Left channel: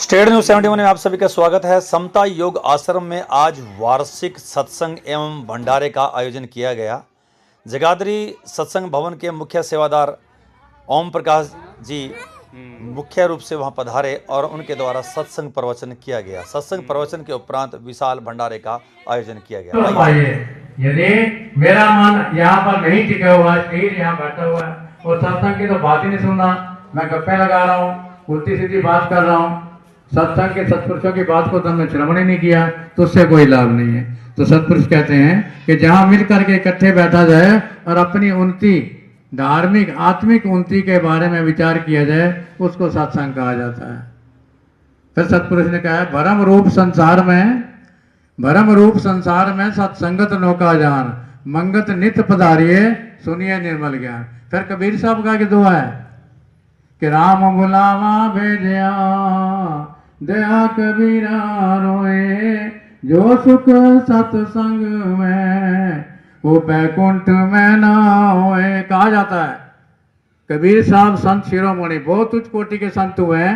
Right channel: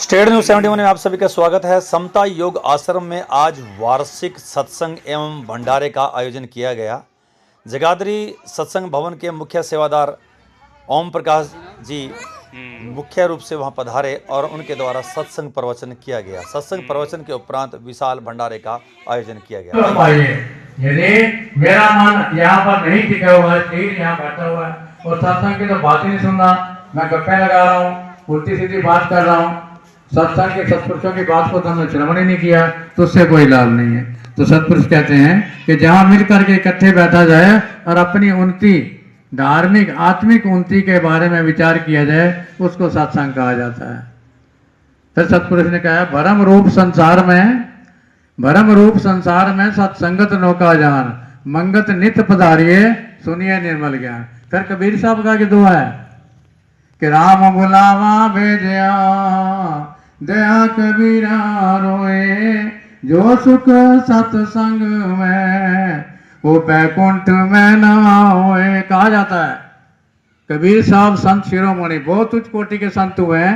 State news 71 में आप सभी का स्वागत है। समता योग आश्रम में आज वार्षिक सत्संग एवं भंडारे का आयोजन किया गया। जगाधरी सत्संग भवन के मुख्य सेवादार ओम प्रकाश जी मुख्य रूप से वहां पधारे और उनके द्वारा सत्संग प्रवचन किया गया। सत्संग प्रवचन के उपरांत विशाल भंडारे का आयोजन किया गया। यदि मेरा मन यहाँ पर नहीं टिका हुआ है, शरीर यहाँ बैठा हुआ है और सत्संग की तो बात ही नहीं सुन रहा, मैं गप्पे लगा रहा हूँ, उल्टी सीधी बात कर रहा हूँ, सत्संग के सत्पुरुषों की बात को तुमने श्रवण ही नहीं किया तो उससे कोई लाभ नहीं है। तो सत्पुरुष कहते हैं कि जहां मिलकर के इकट्ठे बैठा जाए और अपनी उन्नति, धार्मिक आत्मिक उन्नति के बारे में विचार किया जाए, उसको सत्संग कहा जाता है। फिर सत्पुरुष ने कहा भरम रूप संसार में सत्संगत नौका जान, मंगत नित पधारिये सुनिए निर्मल ज्ञान। फिर कबीर साहब का दुआ है कि राम बुलावा भेजया दया कबीरा रोए, जो सुख सत्संग में वो बैकुंठ में न होए। कहा जाता है कबीर साहब संत शिरोमणि बहुत उच्च कोटि के संत हुए हैं।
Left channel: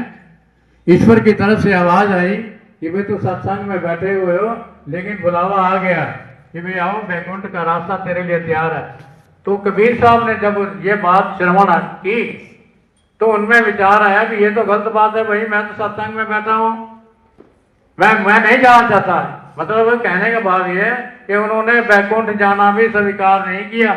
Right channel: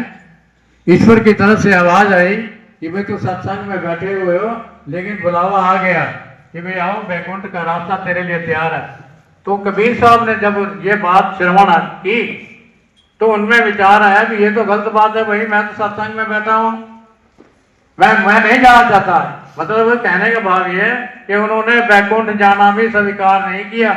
ईश्वर की तरफ से आवाज आई कि भाई तो सत्संग में बैठे हुए हो, लेकिन बुलावा आ गया कि भाई आओ, बैकुंठ का रास्ता तेरे लिए तैयार है। तो कबीर साहब ने जब ये बात श्रवण की तो उनमें विचार आया कि ये तो गलत बात है भाई, मैं तो सत्संग में बैठा हूँ, मैं नहीं जाना चाहता। मतलब कहने का भाव ये कि उन्होंने बैकुंठ जाना भी स्वीकार नहीं किया।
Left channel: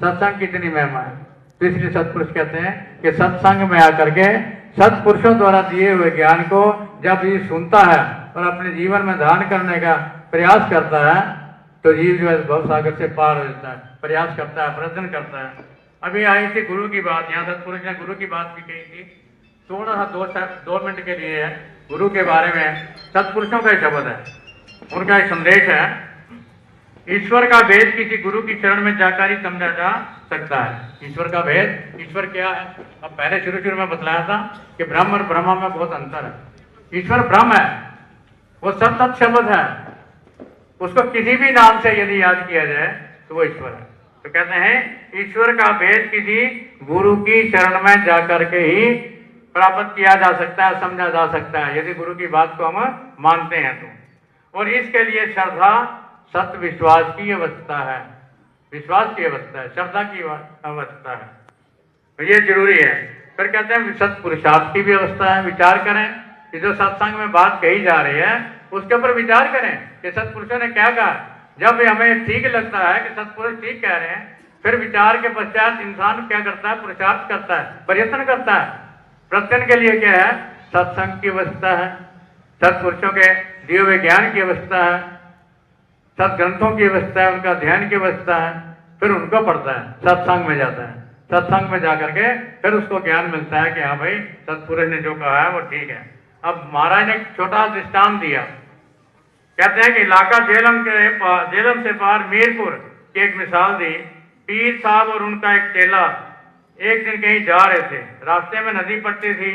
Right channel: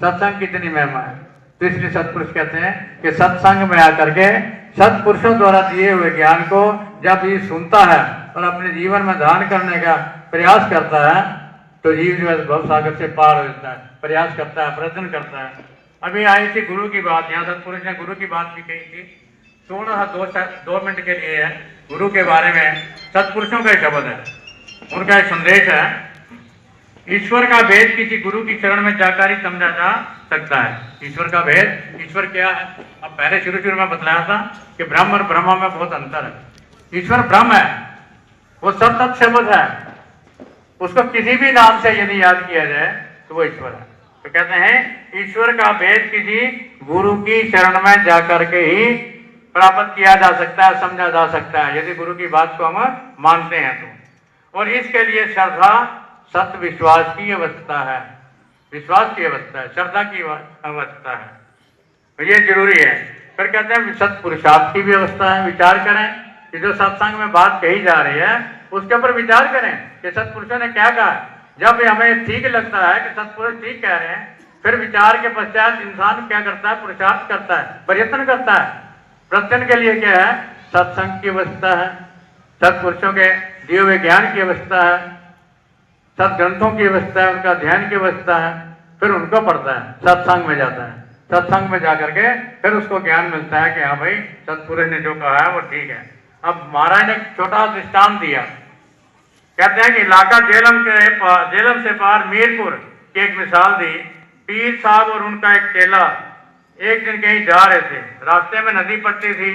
सत्संग कितनी महिमा है। तो इसलिए सत्पुरुष कहते हैं कि सत्संग में आकर के सत्पुरुषों द्वारा दिए हुए ज्ञान को जब ये सुनता है और अपने जीवन में धारण करने का प्रयास करता है तो जीव जो है भव सागर से पार हो जाता है, प्रयास करता है, प्रयत्न करता है। अभी आई थी गुरु की बात, यहाँ सत्पुरुष ने गुरु की बात भी कही थी। थोड़ा सा 2 मिनट के लिए है गुरु के बारे में। सत्पुरुषों का एक शब्द है, उनका एक संदेश है। ईश्वर का भेद किसी गुरु की चरण में जाकर ही समझा जा सकता है। ईश्वर का भेद, ईश्वर क्या है? अब पहले शुरू में बतलाया था कि ब्रह्म और ब्रह्मा में बहुत अंतर है। ईश्वर ब्रह्म है, वो सब तत् शब्द है, उसको किसी भी नाम से यदि याद किया जाए तो वो ईश्वर है। तो कहते हैं ईश्वर का भेद किसी गुरु की शरण में जाकर के ही प्राप्त किया जा सकता है, समझा जा सकता है, यदि गुरु की बात को हम मानते हैं तो। और इसके लिए श्रद्धा, सत्य, विश्वास की अवस्था है, विश्वास की अवस्था है, श्रद्धा की अवस्था है, तो ये जरूरी है। फिर कहते हैं सत्पुरुषार्थ की भी अवस्था है। विचार करें कि जो सत्संग में बात कही जा रही है उसके ऊपर विचार करें कि सत्पुरुषों ने क्या कहा। जब हमें ठीक लगता है कि सत्पुरुष ठीक कह रहे हैं, फिर विचार के पश्चात इंसान क्या करता है? पुरुषार्थ करता है, प्रयत्न करता है। प्रयत्न के लिए क्या है? सत्संग की अवस्था है, सत्पुरुषों के दिए हुए ज्ञान की अवस्था है, सत्ग्रंथों की अवस्था है, उनका ध्यान की अवस्था है। फिर उनको पढ़ता है, सत्संग में जाता है, सत्संग में जाकर के फिर उसको ज्ञान मिलता है कि हाँ भाई सत्पुरुष ने जो कहा है वो ठीक है। अब महाराज ने छोटा दृष्टांत दिया, कहते हैं कि इलाका जेलम से पार मीरपुर की एक मिसाल दी। पीर साहब और उनका एक चेला एक दिन कहीं जा रहे थे, रास्ते में नदी पड़ती थी,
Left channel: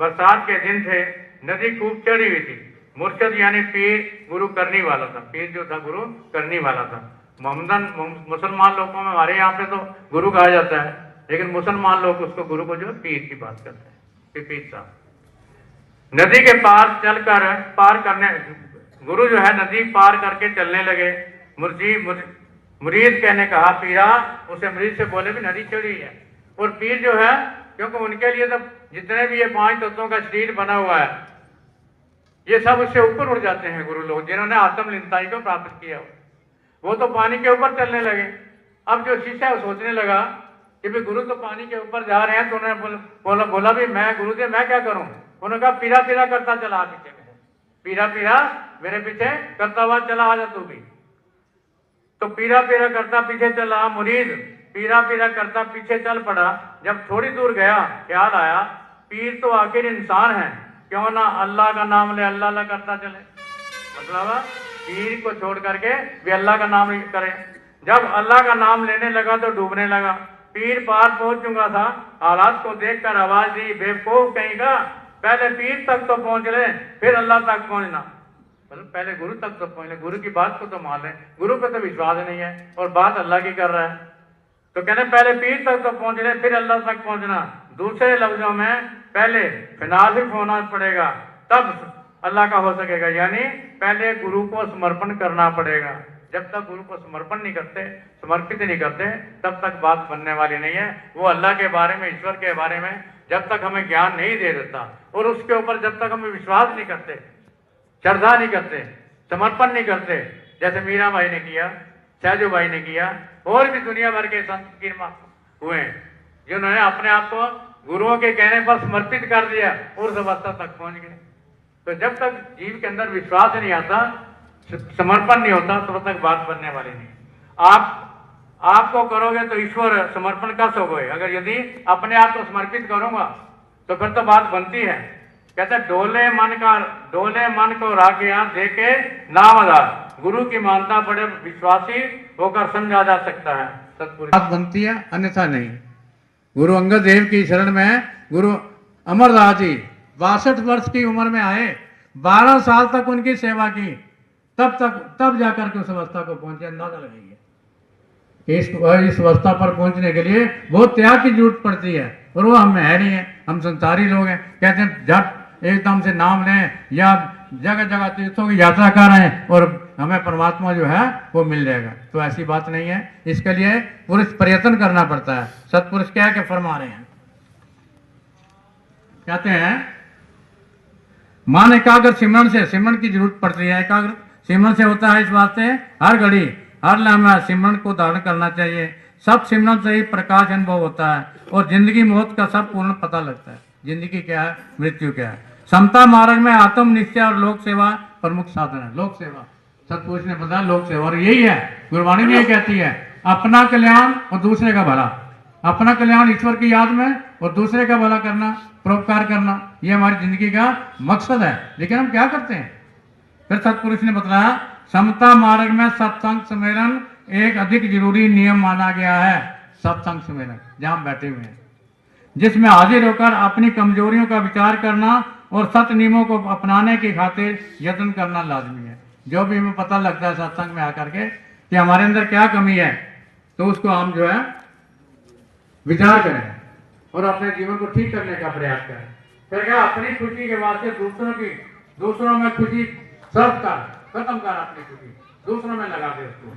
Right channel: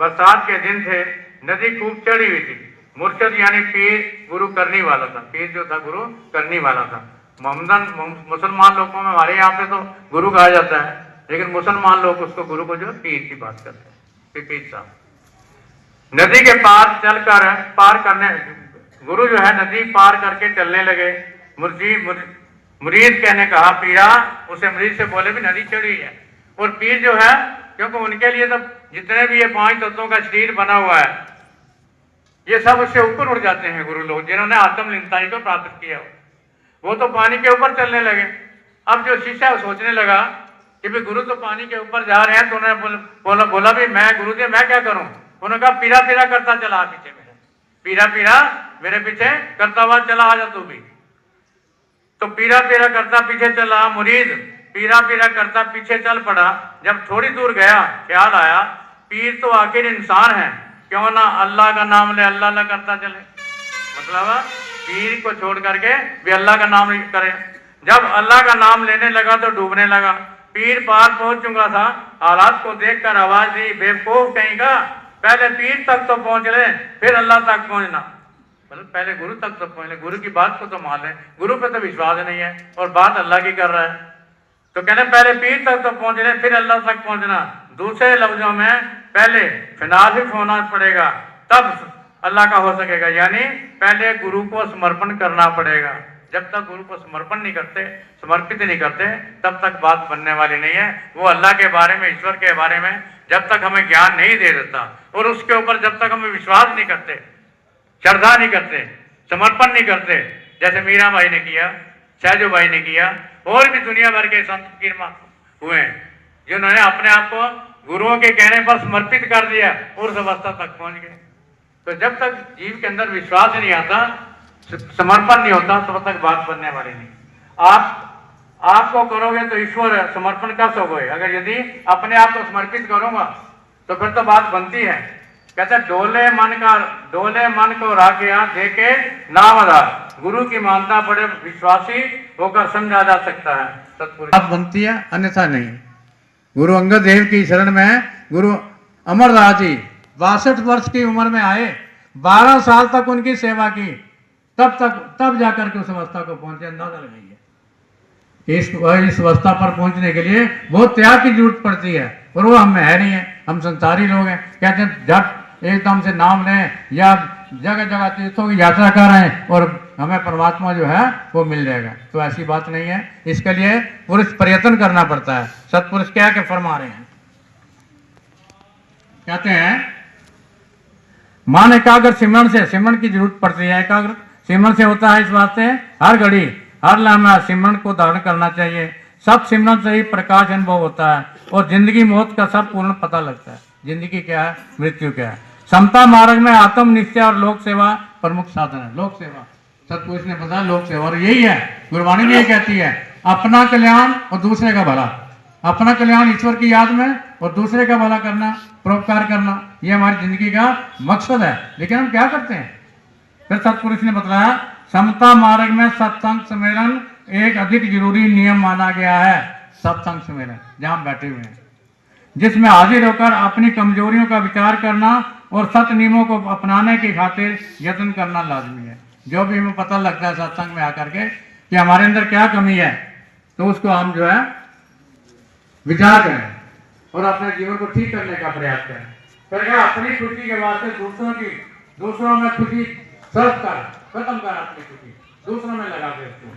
बरसात के दिन थे, नदी खूब चढ़ी हुई थी। मुर्शद यानी पीर गुरु करनी वाला था, पीर जो था गुरु करनी वाला था। मुसलमान लोगों में हमारे यहाँ पे तो गुरु कहा जाता है, लेकिन मुसलमान लोग उसको गुरु को जो पीर की बात करते हैं, पीर साहब। नदी के पार करने गुरु जो है नदी पार करके चलने लगे। मुरीद कहने कहा पीरा, उसे मुरीद से बोले भी नदी चढ़ी है। और पीर जो है, क्योंकि उनके लिए तो जितने भी ये 5 तत्वों का शरीर बना हुआ है, ये सब उससे ऊपर उड़ जाते हैं। गुरु लोग जिन्होंने आत्मलीनताई को प्राप्त किया वो तो पानी के ऊपर चलने लगे। अब जो शिष्य सोचने लगा कि भाई गुरु तो पानी के ऊपर जा रहे हैं, तो उन्होंने बोला भी मैं गुरुदेव मैं क्या करूं? उन्होंने कहा पीरा पीरा करता चला पीछे मेरे, पीरा पीरा मेरे पीछे करता हुआ चला, आ जा तू भी। तो पीरा पीरा करता पीछे चला मुरीद, पीरा पीरा करता पीछे चल पड़ा। जब थोड़ी दूर गया ख्याल आया पीर तो आखिर इंसान है, क्यों ना अल्लाह का नाम ले, अल्लाह अल्लाह करता चले। मतलब पीर को छोड़ करके भी अल्लाह का नाम करे। जब अल्लाह का नाम लेने लगा तो डूबने लगा। पीर पार पहुंच चुका था, हालात को देखकर आवाज दी बेवकूफ कहीं का, पहले पीर तक तो पहुंच ले फिर अल्लाह तक पहुंचना। मतलब पहले गुरु तक तो पहुंच ले, गुरु की बात को तो मान ले, गुरु पे तो विश्वास नहीं है और बात अल्लाह की कर रहा है। तो कहने पहले पीर तक तो पहुंच ले फिर अल्लाह तक पहुंचना। दूसरे लफ्जों में पहले फिनासिफ होना पड़ेगा तब अल्लाह का हो सकेगा। यानी पहले गुरु को समर्पण करना पड़ेगा। जब तक गुरु को समर्पण नहीं करते, समर्पित नहीं करते, तब तक बात बनने वाली नहीं है। वो अल्लाह के बारे में, ईश्वर के बारे में जब तक हमें ज्ञान नहीं दे देता और उसके ऊपर जब तक हमें विश्वास नहीं करते, श्रद्धा नहीं करते, समर्पण नहीं करते, जैसे मीरा भाई ने किया, सहजो भाई ने किया, और भी दुनिया भर के संत फकीर हुए हैं जिन्होंने अपने आप को गुरुओं के कहने पर समर्पित कर दिया और उस अवस्था तक पहुंच गए। तो जब तक जीव के अंदर विश्वास नहीं आता, समर्पण नहीं होता, तब तक बात बनने वाली नहीं। आपको करोगे तो ईश्वर समर्पण कर सकोगे। अगर यदि अपने आप को समर्पित करूंगा तो फिर तो बात बनती है। कहते डोले मन को राखिया देके नाम आधार, गुरु की मानता बड़े विश्वासी होकर समझा जा सकता है। सतपुरुष बात बनती है, अन्यथा नहीं। गुरु अंगद देव की शरण में गुरु अमरदास जी 62 वर्ष की उम्र में आए, 12 साल तक उनकी सेवा की, तब जाकर के उस अवस्था को पहुंचे। अंदाजा लगाइए, इस अवस्था पर पहुंचने के लिए बहुत त्याग की जरूरत पड़ती है, और वो हम में है नहीं है। हम संसारी लोग हैं, कहते हैं झट एकदम से नाम लें या जगह जगह तीर्थों की यात्रा कर रहे हैं और हमें परमात्मा जो है वो मिल जाएगा। तो ऐसी बात नहीं है। इसके लिए पुरुष प्रयत्न करना पड़ता है। सतपुरुष क्या के फरमा रहे हैं, कहते हैं मान एकाग्र सिमरन की जरूरत पड़ती है। एकाग्र सिमरन से होता है, इस वास्ते हर घड़ी हर लम्हा सिमरन को धारण करना चाहिए। सब सिमरन से ही प्रकाश अनुभव होता है और जिंदगी मौत का सब पूर्ण पता लगता है। जिंदगी क्या है, मृत्यु क्या है। समता मार्ग में आत्म निश्चय और लोक सेवा प्रमुख साधन है। लोक सेवा सतपुरुष ने बताया, लोक सेवा और यही है, गुरबाणी में यही कहती है, अपना कल्याण और दूसरे का भला। अपना कल्याण ईश्वर की याद में और दूसरे का भला करना, परोपकार करना, ये हमारी जिंदगी का मकसद है। लेकिन हम क्या करते हैं? फिर सतपुरुष ने बताया, समता मार्ग में सत्संग सम्मेलन एक अधिक जरूरी नियम माना गया है। सत्संग सम्मेलन जहां हम बैठे हुए हैं, जिसमें हाजिर होकर अपनी कमजोरियों का विचार करना और सत्य नियमों को अपनाने की खातिर यत्न करना लाजमी है। जो भी हमें पता लगता है सत्संग में आकर के कि हमारे अंदर क्या कमी है, तो उसको हम जो है विचार करें और अपने जीवन को ठीक करने का प्रयास करें। फिर क्या, अपनी खुशी के वास्ते दूसरों में खुशी सर्व कर, खत्म कर अपनी खुशी, दूसरों में लगा दे उसको।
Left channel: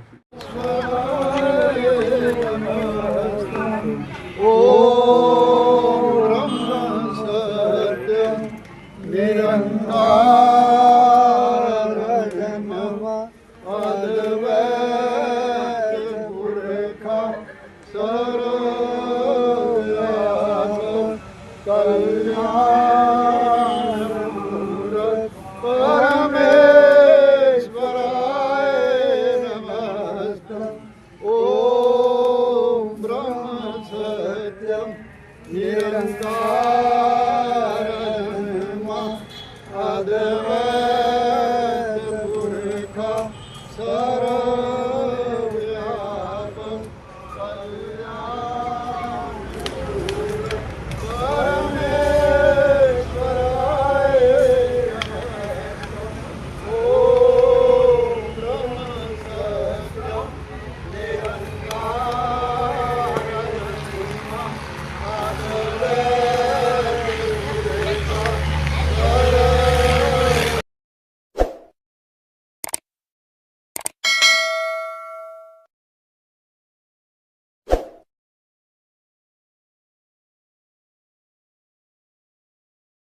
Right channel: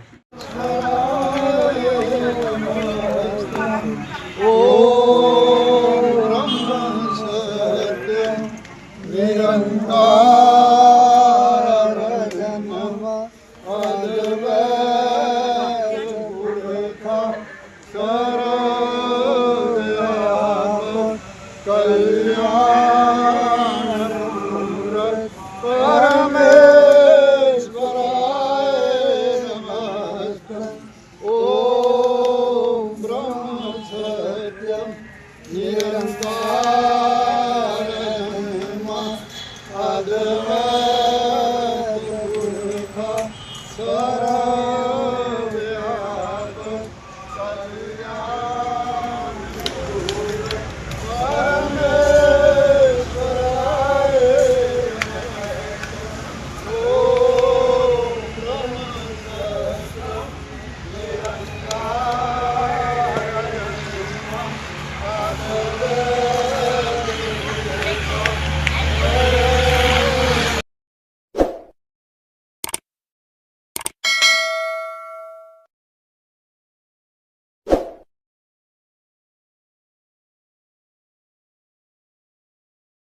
ओम ब्रह्म सत्यम निरंकार